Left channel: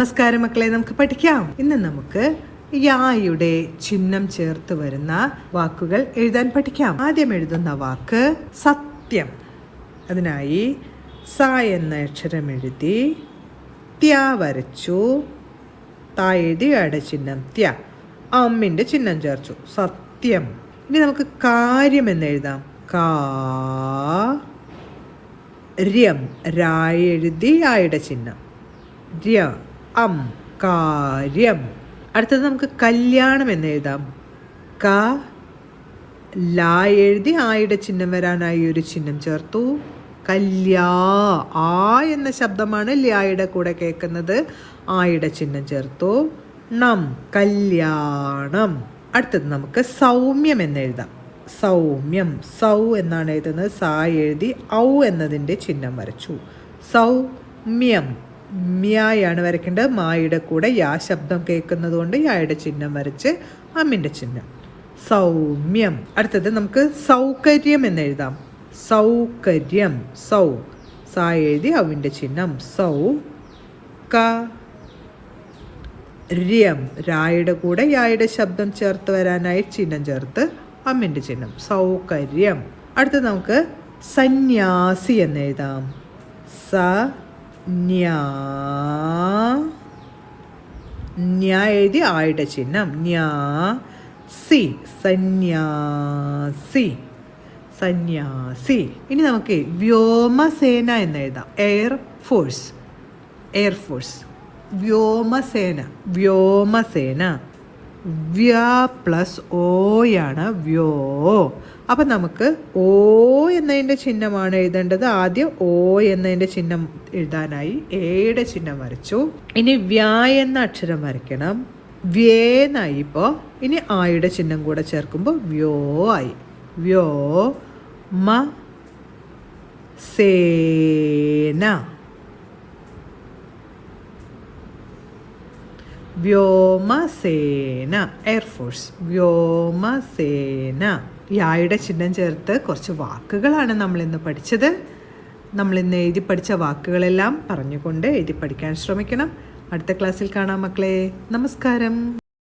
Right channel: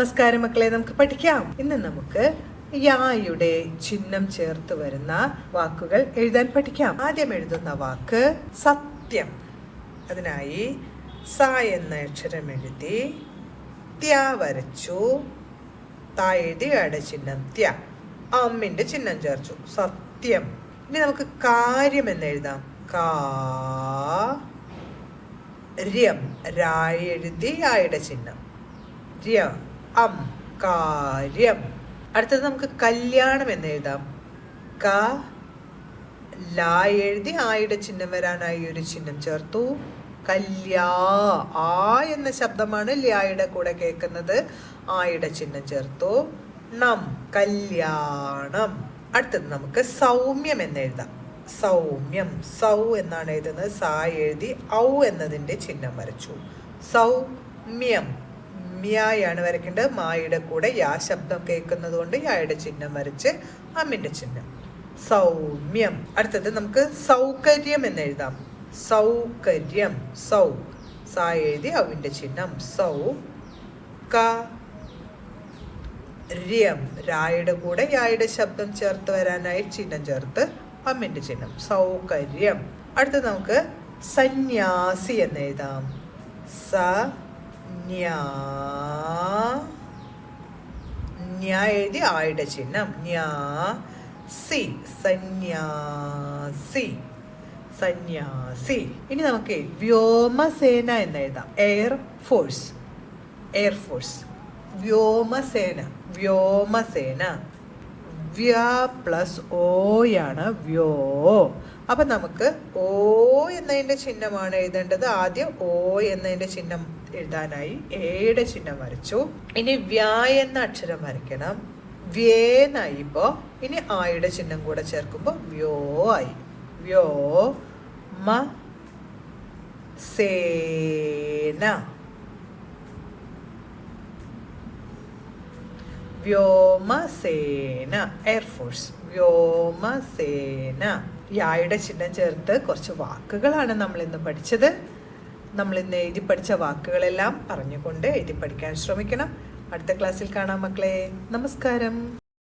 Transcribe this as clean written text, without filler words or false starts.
നമസ്കാരം മക്കളെ, നമുക്ക് പഠിക്കാം. ഇന്ന് നമുക്ക് യായുടെ ചിഹ്നം ചേർത്ത് വരുന്ന വാക്കുകൾ എഴുതാൻ പഠിക്കാം. ആദ്യം എഴുതുന്ന വാക്ക് സത്യം. അതിനായി സ എന്ന അക്ഷരം എഴുതി ത്യ വരച്ചു. ത എഴുതി യുടെ ചിഹ്നം ത്യ, അമ്മിന്റെ ചിഹ്നം ചേർച്ചു. സത്യം. ഇനി നമുക്ക് കാര്യം എന്ന് എഴുതാം. കാര്യം. രാ എഴുതി ആയുടെ ചിഹ്നം ര്യ അം കാര്യം. അടുത്തത് നമുക്ക് കല്യാണം എന്ന് എഴുതാം. ക ലാ എഴുതി ആയുടെ ചിഹ്നം വരാനായി ഒരു ചിഹ്നം ചേർത്തു. കല്യാ. ആ എന്ന ശബ്ദമാണ് ലായുടെ കൂടെ കേൾക്കുന്നത്. ആയുടെ ചിഹ്നം ചേർത്തു. ണം കല്യാണം. അടുത്തത് നമുക്ക് സൗമ്യം എന്ന് എഴുതാം. സൗമ്യം. സൗ എന്നാണ് എഴുതുന്നത്. സാ എഴുതി ഔ എന്നതിൻ്റെ ചിഹ്നം വരച്ചു. സൗമ്യം. മ്യായാണ് വരയ്ക്കേണ്ടത്. മായുടെ കൂടെ യാ ശബ്ദം കേൾക്കുന്നത് കൊണ്ട് യായുടെ ചിഹ്നം വരച്ച് അമ്മിന്റെ ചിഹ്നം. സൗമ്യം. അടുത്തത് നമുക്ക് സൗകര്യം എന്ന് എഴുതാം. സൗകര്യം. സൗ സാ എഴുതി അവിന്റെ ചിഹ്നം. സൗ ര്യം. രായുടെ കൂടെ യായുടെ ശബ്ദം ചേർത്ത് വരാനായി ചിഹ്നം ചേർത്ത് അമ്മിന്റെ ചിഹ്നം. സൗകര്യം. അടുത്തത് നമുക്ക് സന്യാസി എന്ന് എഴുതാം. എഴുതി ആയുടെ ചിഹ്നം സി. സന്യാസി. സന്യാസി. ഇനി നമുക്ക് വ്യോമസേന എന്ന് എഴുതാം. എയർഫോഴ്സ്. എയർഫോഴ്സ്. വ്യോമസേന. വ്യോമസേന. വ്യ പ്ലസ് ഓയാണ് വ്യോ. അപ്പം നമുക്ക് ഓ എന്നതിൻ്റെ ചിഹ്നമാണ് എഴുതേണ്ടത്. ആദ്യം ഓ എന്നതിൻ്റെ ചിഹ്നം എഴുതാനായി എയുടെ ചിഹ്നം വരച്ചു. ഇനി വ്യാ എന്ന അക്ഷരം വരയ്ക്കണം. വ്യേന്നായി. ഇപ്പോൾ ഇനി ആയുടെ ചിഹ്നം കൂടെ ചേർക്കുമ്പോൾ വ്യോ ആയി. വ്യോ മ സേന. വ്യോമസേന. എയർഫോഴ്സ്. വ്യോമസേന. യായുടെ ചിഹ്നം ചേർത്ത് കുറച്ച് വാക്കുകളാണ് നമ്മൾ ഇന്ന് പഠിച്ചത്. നമ്മൾ ഇന്ന് എഴുതി പഠിച്ച വാക്കുകളെല്ലാം പറഞ്ഞുകൊണ്ട് എഴുതി പഠിക്കാൻ ശ്രമിക്കണം. അടുത്ത ക്ലാസ്സിൽ കാണാം മക്കളെ. നമസ്കാരം.